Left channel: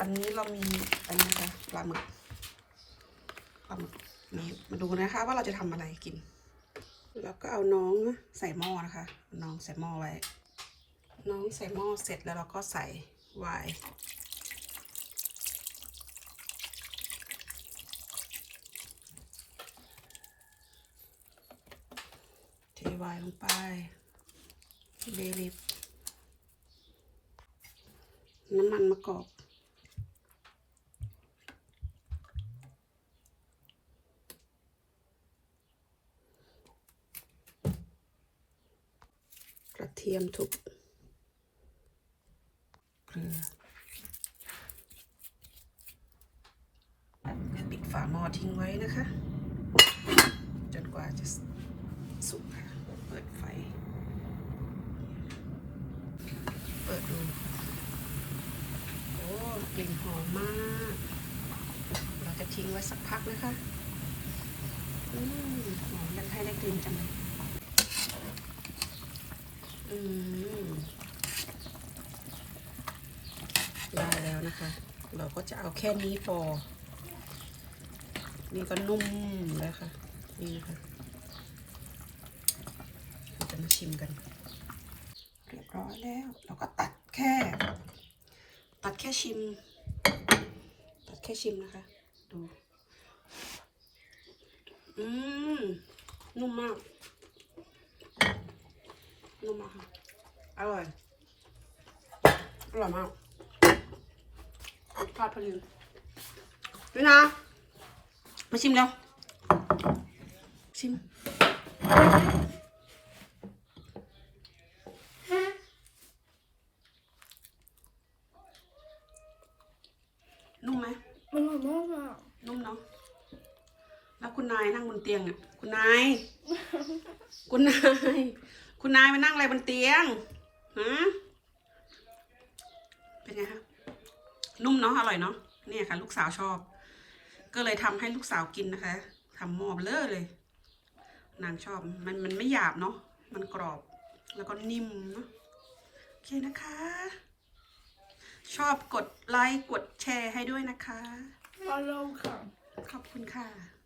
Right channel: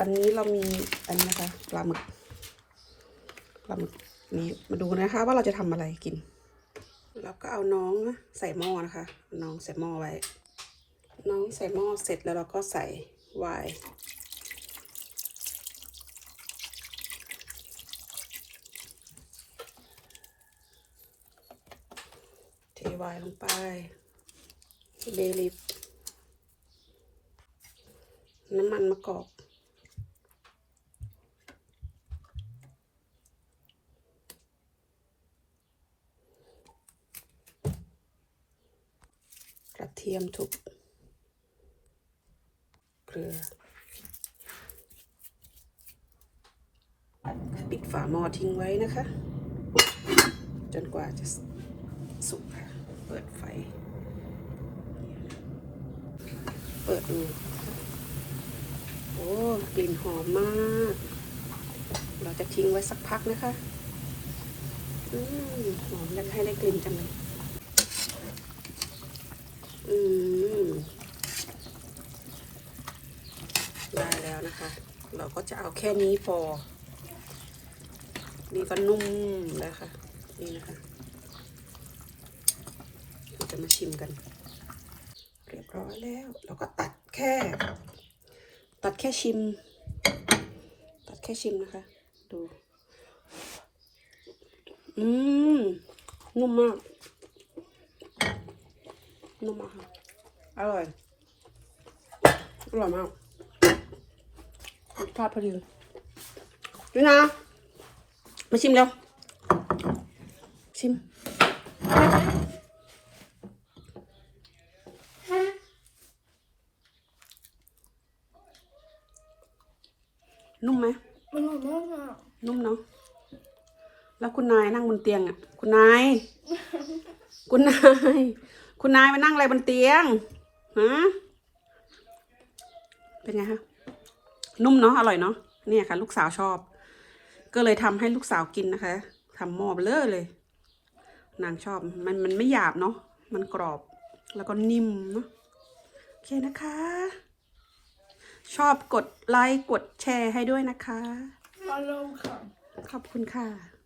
วันนี้เรามีอันนี้นะคะปลาหมึกปลาหมึกนี่มาดูนะคะว่าเราจะทำอะไรกิน แล้วก็เอาน้องใส่หม้อนะคะ น้องใส่หม้อไว้ น้องใส่หม้อเสร็จแล้วเราก็ใส่ไวน์เทไวน์ลงไปเบลิฟน้ำมันมะกอก กระเทียมทุบเกลือปิดฝาหม้อทิ้งไว้นะคะ จนกว่าจะสุกค่ะ เปิดไฟ เปิดดู โอ้กลิ่นหอมมาก เราจะทิ้งไว้สักพักนะคะ อืมหอมแล้วให้ได้กลิ่นจังเลย อืมได้แล้วนะคะ เราก็ จะเอาแค่นี้พอ นี่ก็นุ่มแล้วค่ะ นี่นะคะเราจะมาชิมกัน เรียบร้อยแล้ว เราก็ตัดแค่ ตัดแค่ชิม ตัดแค่ชิมนะคะ ดู อืม นุ่มมาก นุ่มมากค่ะ อร่อย อร่อยมาก รสชาติพอดีนี่นะมาชิมเร็ว ชิม นุ่มไหมอร่อยมากอะนุ่มเนาะ แล้วคุณนายนั่งบนเตียงอะ คุณนาย คุณนาย คุณนายมานั่งอะไรบนเตียง ฮะ เป็นไงคะ นุ่มเนาะอร่อยเนาะเนี่ยค่ะ ลูกสาวชอบ ก็เลยทำให้ลูกสาวกินนะคะทำหม้อเบลอเลย นางชอบมันมันไม่หยาบเนาะมันกรอบแล้วก็นิ่มเนาะโอเคนะคะ ชอบกดไลค์กดแชร์ให้ด้วยนะคะอร่อยค่ะ ขอบคุณค่ะ